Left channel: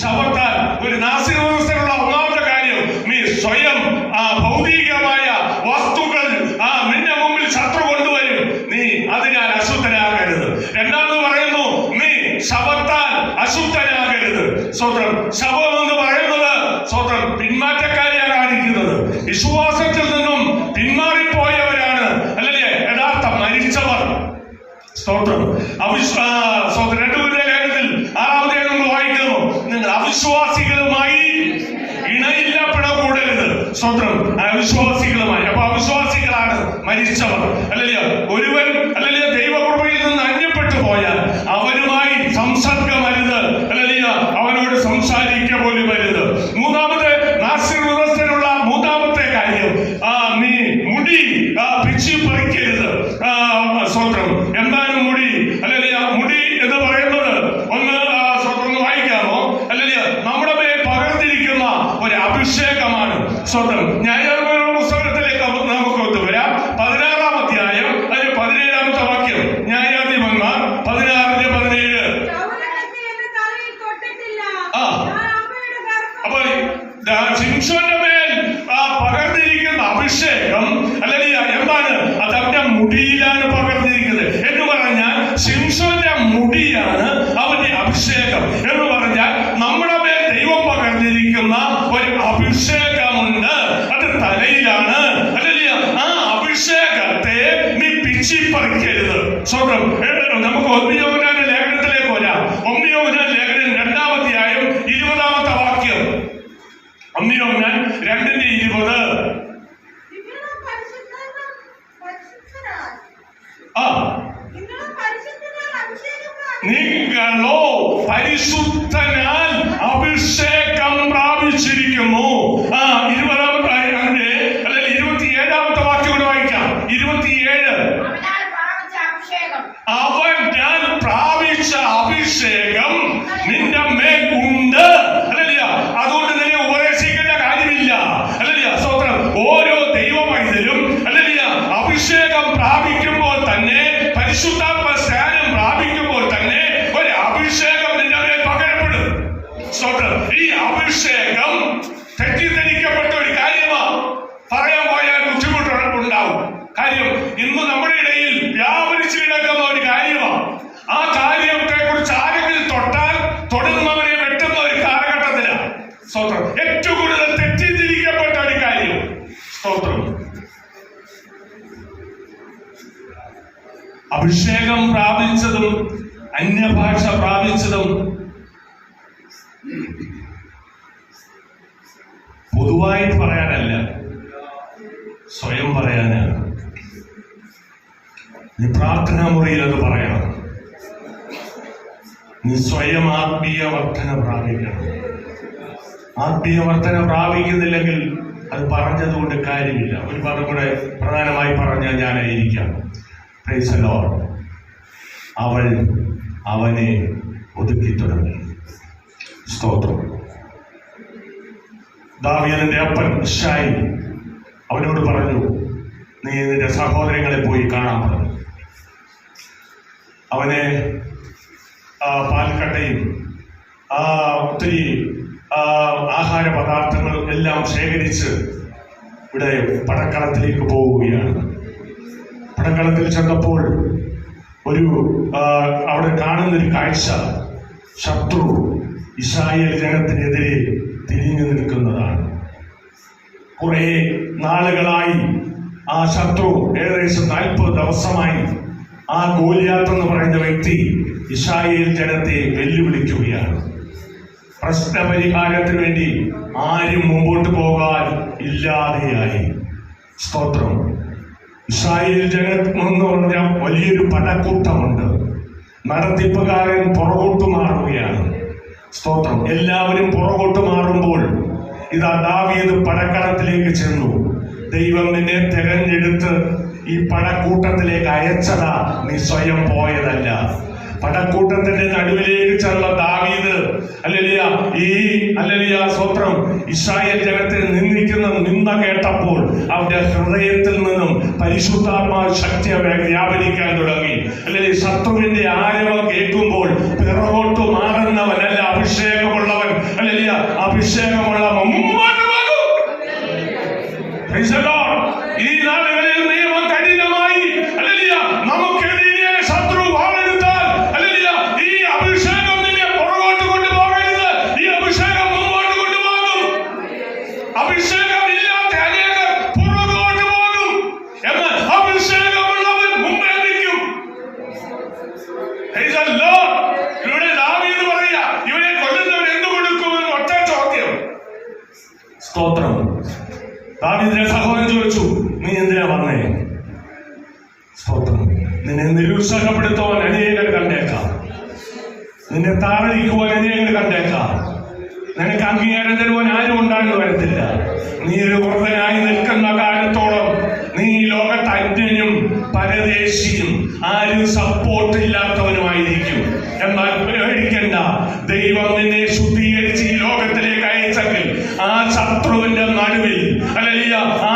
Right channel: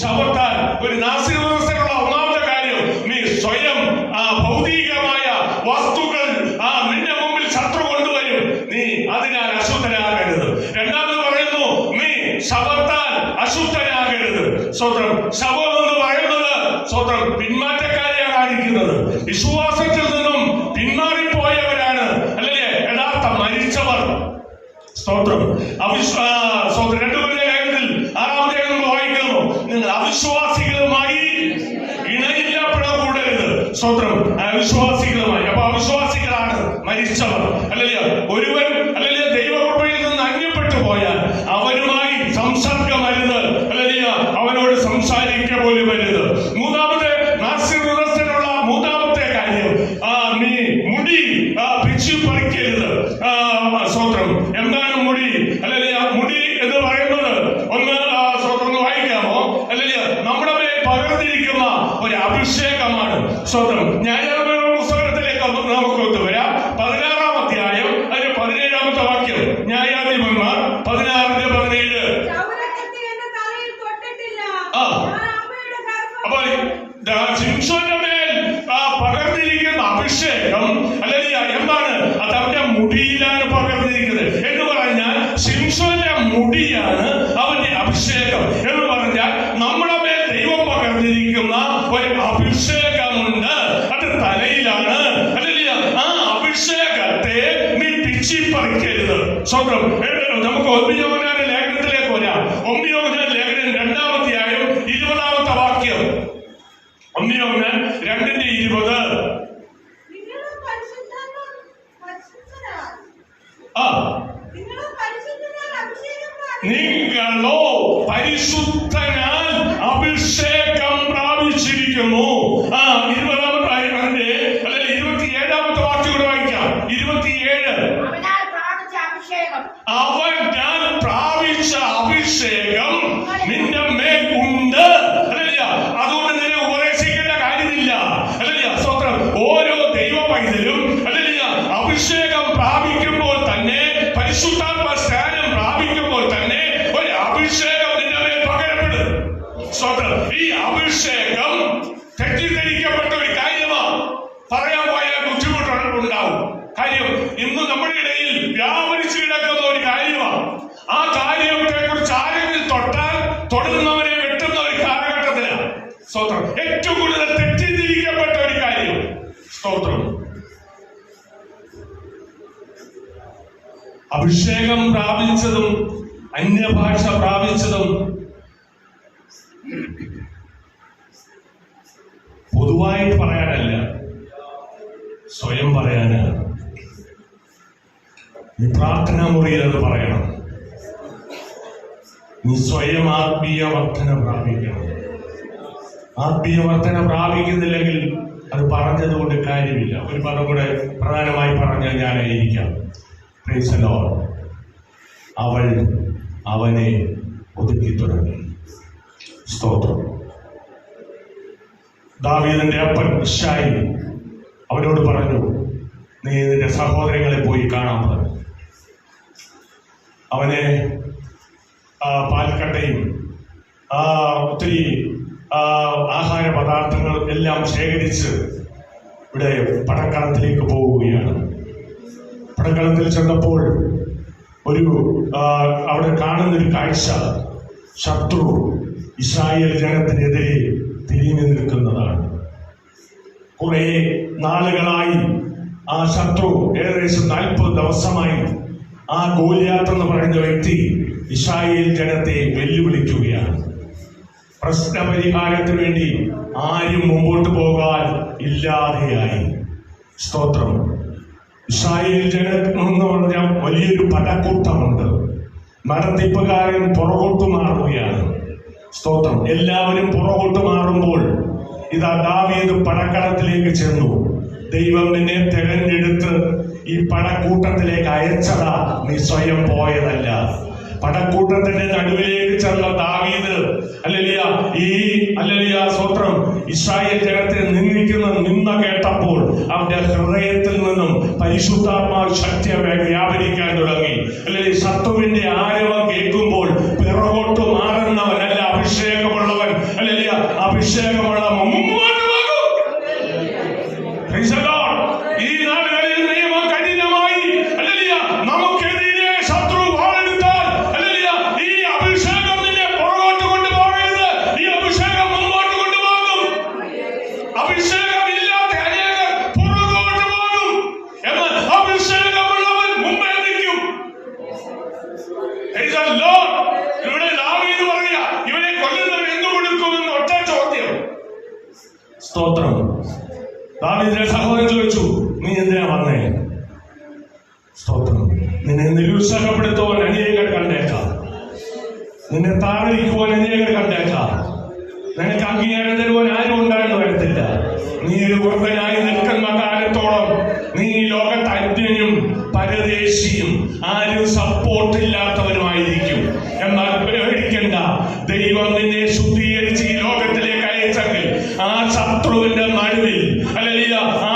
ശബത്താൽ ഒരു നാസികനുള്ള ഒന്നാമത്തെ കാര്യം, നീ സ്വയം ഭൗതികമായ വസ്തുക്കൾ നിന്റെ മുമ്പിൽ ശത്രു കൊണ്ടുവരും, നീ അതിനാൽ അശുദ്ധനാകരുത്. രണ്ടാമത് പറയുന്നു, നീ ശബത്താൽ അശുദ്ധനാകരുത്. സ്വതന്ത്രം ശബം എന്ന് പറയുന്നത് സ്വതന്ത്രം പിന്മാറ്റക്കാരെയാണ് കാണിക്കുന്നത്. വിശ്വാസത്തിൽ നിന്നും പിന്മാറിപ്പോയവരാണ് അല്ലല്ലേ യഥാർത്ഥ മരിച്ചവർ. സ്തോത്രം. സ്വതന്ത്രം 2 കാര്യത്തിൽ 6-ാമത്തെ നമ്മൾ വായിക്കുന്നു, നിങ്ങൾ അവിശ്വാസികളുമായി ഇണയില്ലപ്പെടകൂടരുത്. സ്വതന്ത്രം അവിശ്വാസികളുമായി. അപ്പൊ അവിശ്വാസികളാണ് മരിച്ചവർ അല്ലല്ലോ. ഒരുവൻ അല്ലല്ലോ ദൈവകൃപയിൽ നിന്ന് അന്യപ്പെട്ടു പോയാൽ അവനുമായി സംസർഗമരുത് അല്ലല്ലോ, അവനോട് സംസാരിക്കുക പോലും വരുത്. മൂന്നാമത്തെ നാസികനുള്ള മൂന്നാമത്തെ കാര്യം, നീ മുടി പിച്ചി പറിക്കരുത്. സ്വതന്ത്രം. എന്താണ് മുടി അല്ലല്ലോ? മുടി എന്ന് പറയുന്നത് ഒന്ന് സ്വതന്ത്രം വായിക്കാമോ അല്ലല്ലോ, നമ്മുടെ മേൽ പകർന്നിരിക്കുന്ന ഒരു അഭിഷേകമാണ്. സ്വതന്ത്രം. ന്യായാധിപ പുസ്തകത്തിലേക്ക് നമുക്ക് ഒത്തുവരാം. 16-ാം അധ്യായം അതിന് 17-ാമത്തെ വാക്യം. ന്യായാധിപന്മാർ 16-17. അപ്പൊ ശിംശോന്റെ മേൽ പകർന്നിരിക്കുന്ന അഭിഷേകം അല്ലല്ല എന്താണ്? അത് അവന്റെ മുടിയിലാണ് പകർന്നിരിക്കുന്നത് എന്ന് പറഞ്ഞാൽ ശിംശോന്റെ മുടിയാണ് അവന്റെ അഭിഷേകം എന്ന് പറഞ്ഞാൽ നമ്മുടെ മേൽ ദൈവം പകർന്നിരിക്കുന്ന ഒരു അഭിഷേകമുണ്ട്. അത് തലയിലാണ് അല്ലല്ല. ആ അഭിഷേകത്തെ നീ പിച്ചിപ്പറിക്കരുത്. സ്വന്തം. നമുക്ക് 1 യോഹന്നാന്റെ ലേഖനത്തിലേക്ക് വരാം. 1 യോഹന്നാൻ ലേഖനം 2-ാം അധ്യായം 20-ാമത്തെ വാക്യം. 1 യോഹന്നാൻ 2:20. നിങ്ങളോ പരിശുദ്ധനാൽ അഭിഷേകം പ്രാപിച്ചിരിക്കുന്നു. 20-ാമത്തെ അല്ലെങ്കിൽ 27-ാമത്തെ വാക്യം കൂടെ വായിക്കാം. 27. അവൻ ഞാൻ പ്രാപിച്ച അഭിഷേകം നിന്റെ മേൽ ഉണ്ട് അല്ലല്ല. അതുകൊണ്ട് നിന്നെ ഉപദേശിക്കേണ്ട കാര്യമില്ല അല്ലല്ല. സ്വതന്ത്രം. ഓരോ ദൈവ പൈതലും അല്ലല്ല അഭിഷേകം പ്രാപിക്കുമ്പോൾ തന്നെ, പരിശുദ്ധാത്മ സ്നാനം പ്രാപിക്കുമ്പോൾ തന്നെ ഒരു അഭിഷേകം നിന്റെ മേൽ പകരപ്പെടും. സ്വതന്ത്രം. ഈ അഭിഷേകം തെറ്റിദ്ധരിക്കപ്പെട്ട ഒരു കാര്യമാണ്. പറയാൻ പോയാൽ ബുദ്ധിമുട്ടുണ്ടാവും. കാര്യം ഇന്ന് നമ്മുടെ ഇടയിൽ വ്യാപരിച്ചു കിടക്കുന്ന ഒരു കാര്യമാണ്. ആ കാര്യത്തെ കുറിച്ച് ആരെങ്കിലും തൊട്ടാൽ തൊടുന്നവരെ വെട്ടുന്ന ഒരു കാലഘട്ടത്തിലാണ്. സ്തോത്രം. ഏറ്റവും കൂടുതൽ തെറ്റിദ്ധരിക്കപ്പെട്ട ഒരു കാര്യം. സ്തോത്രം. അഭിഷേകം പ്രാപിച്ചതും അന്യഭാഷ പ്രാപിച്ചതും പൊതുവായിട്ട് പറയാനല്ല, സ്വയം പറയാനാണ്. നീ പ്രാർത്ഥനാ മുറിയിൽ അത് പറയണം. നീ സ്വയം ആത്മീയ വർധന പ്രാപിക്കണം. ആത്മീയ വർധന പ്രാപിക്കുന്നില്ലെങ്കിൽ അത് പറഞ്ഞതുകൊണ്ട് കാര്യമില്ല. ഒരു പദം കൂടെ പ്രധാനമായി പറഞ്ഞാൽ ഞാനായിരിക്കാം. Praise the Lord. അവൾ അവനെ ഒതുക്കി തുടങ്ങി. സ്തോത്രം. ദാവീദിന്റെ അപ്പൻ യിശ്ശായി അവനോട് പറഞ്ഞു, നീ നിന്റെ സഹോദരങ്ങളെ പോയി കാണാൻ പറഞ്ഞു. അവനെ പാൽക്കട്ടയും ഒത്തിരി ആഹാര പദാർത്ഥങ്ങൾ എല്ലാം ശേഖരിച്ച് ഇവിടെ പടക്കളത്തിലേക്ക് പോവുകയാണ്. പടക്കളത്തിൽ ചെന്നപ്പോൾ അവിടെ കാണുന്നൊരു കാഴ്ച, ശത്രു ഇസ്രായേൽ ജനത്തിനെതിരെ തിരിഞ്ഞു നിൽക്കുന്നതാണ്. കുറെ നാളുകളായി ആ ശത്രു, ഏകദേശം 40 ദിവസമായി ആ ഗോലിയാത്ത് എന്ന് പറയുന്ന വ്യക്തി ഇസ്രായേൽ ജനത്തെ വെല്ലുവിളിക്കുകയാണ്. പ്രശ്നപരിഹാരത്തിന് വേണ്ടി ആരും മുമ്പോട്ട് പോകാൻ ഇല്ലാതെയായി. സ്തോത്രം. ഇസ്രായേൽ ജനം എന്ന് പറഞ്ഞാൽ വലിയൊരു പടക്കൂട്ടമുണ്ട്. നടത്തിപ്പുകാരൻ പുറകോട്ട് മാറുകയാണ്. സ്തോത്രം. എല്ലാവരും പുറകോട്ട് മാറുമ്പോൾ ഇതാ ദാവീദ് പടക്കളത്തിലേക്ക് ചെന്നു. ദൈവം നിന്നെ തെരഞ്ഞെടുത്ത് ഈ പടക്കൂട്ടത്തിലേക്ക് അയച്ചതാ, നീ സ്വയം പോയതല്ല. പടക്കൂട്ടത്തിന്റെ നടുവിലേക്ക് ചെന്ന ദാവീദ് സ്വത്രം ഇസ്രായേൽ ജനത്തെ നിന്ന കേട്ടപ്പോൾ അവന്റെ ഹൃദയത്തിൽ നിന്നും പരിശുദ്ധാത്മാവ് ശക്തി വ്യാപരിക്കാൻ തുടങ്ങി. ശത്രുവിന്റെ ആരവം കേൾക്കുമ്പോൾ പിറകോട്ട് മാറുന്നവനല്ല, അഭിഷേകമുള്ളവൻ ഹല്ലേലൂയ അഭിഷേകമുള്ള മുമ്പോട്ട് പോകും. Praise the Lord. ഈ നാളുകളിൽ നിയമം കഠിനമായി ഹല്ലേലൂയ നമുക്കെതിരെ ശത്രു വാളെടുത്താൽ ഹല്ലേലൂയ ഈ അഭിഷേകം നിന്നെ പുറകോട്ട് കൊണ്ടുപോകരുത്. ഈ അഭിഷേകം മുമ്പോട്ട് കൊണ്ടുപോകും. അഭിഷേകം ഇല്ലാത്ത അനേകർ പുറകോട്ട് പോകും. എന്നാൽ അഭിഷേകമുള്ളവൻ മുമ്പേ നിൽക്കും. Praise the Lord. ഇവിടെ ദാവീദ് പറയുക, ഇവനെ കൊല്ലുന്നവൻ എന്ത് കൊടുക്കുമെന്ന് ഒറ്റ ചോദ്യം. സ്തോത്രം. ദാവീദിന്റെ സഹോദരൻ ചോദിച്ചു, നീ എന്തിനാ വന്നേ? സ്തോത്രം. നിന്നെ നിരുത്സാഹപ്പെടുത്തുവാൻ അനേകർ കണ്ടേക്കാം, നിന്നെ താഴടിക്കുവാൻ അനേകർ കണ്ടേക്കാം, നിനക്ക് അംഗീകാരം തരുവാൻ ആരും ഉണ്ടായെന്ന് വരത്തില്ല. നീ ഒരു വൃദ്ധനായി നിൽക്കുന്ന കാലത്തോളം നീ ലോകത്ത് അന്യനും പരദേശിയും ആരും സപ്പോർട്ട് ഇല്ലാത്തവനുമായിരിക്കും. എന്നാൽ പേടിക്കണ്ട, ദൈവം നിന്നെ ശുദ്ധീകരിച്ച് ഈ ലോകത്തിലേക്ക് അയച്ചെങ്കിൽ ആ ശത്രുവിന്റെ നടുവിൽ ഹല്ലേലൂയ ആ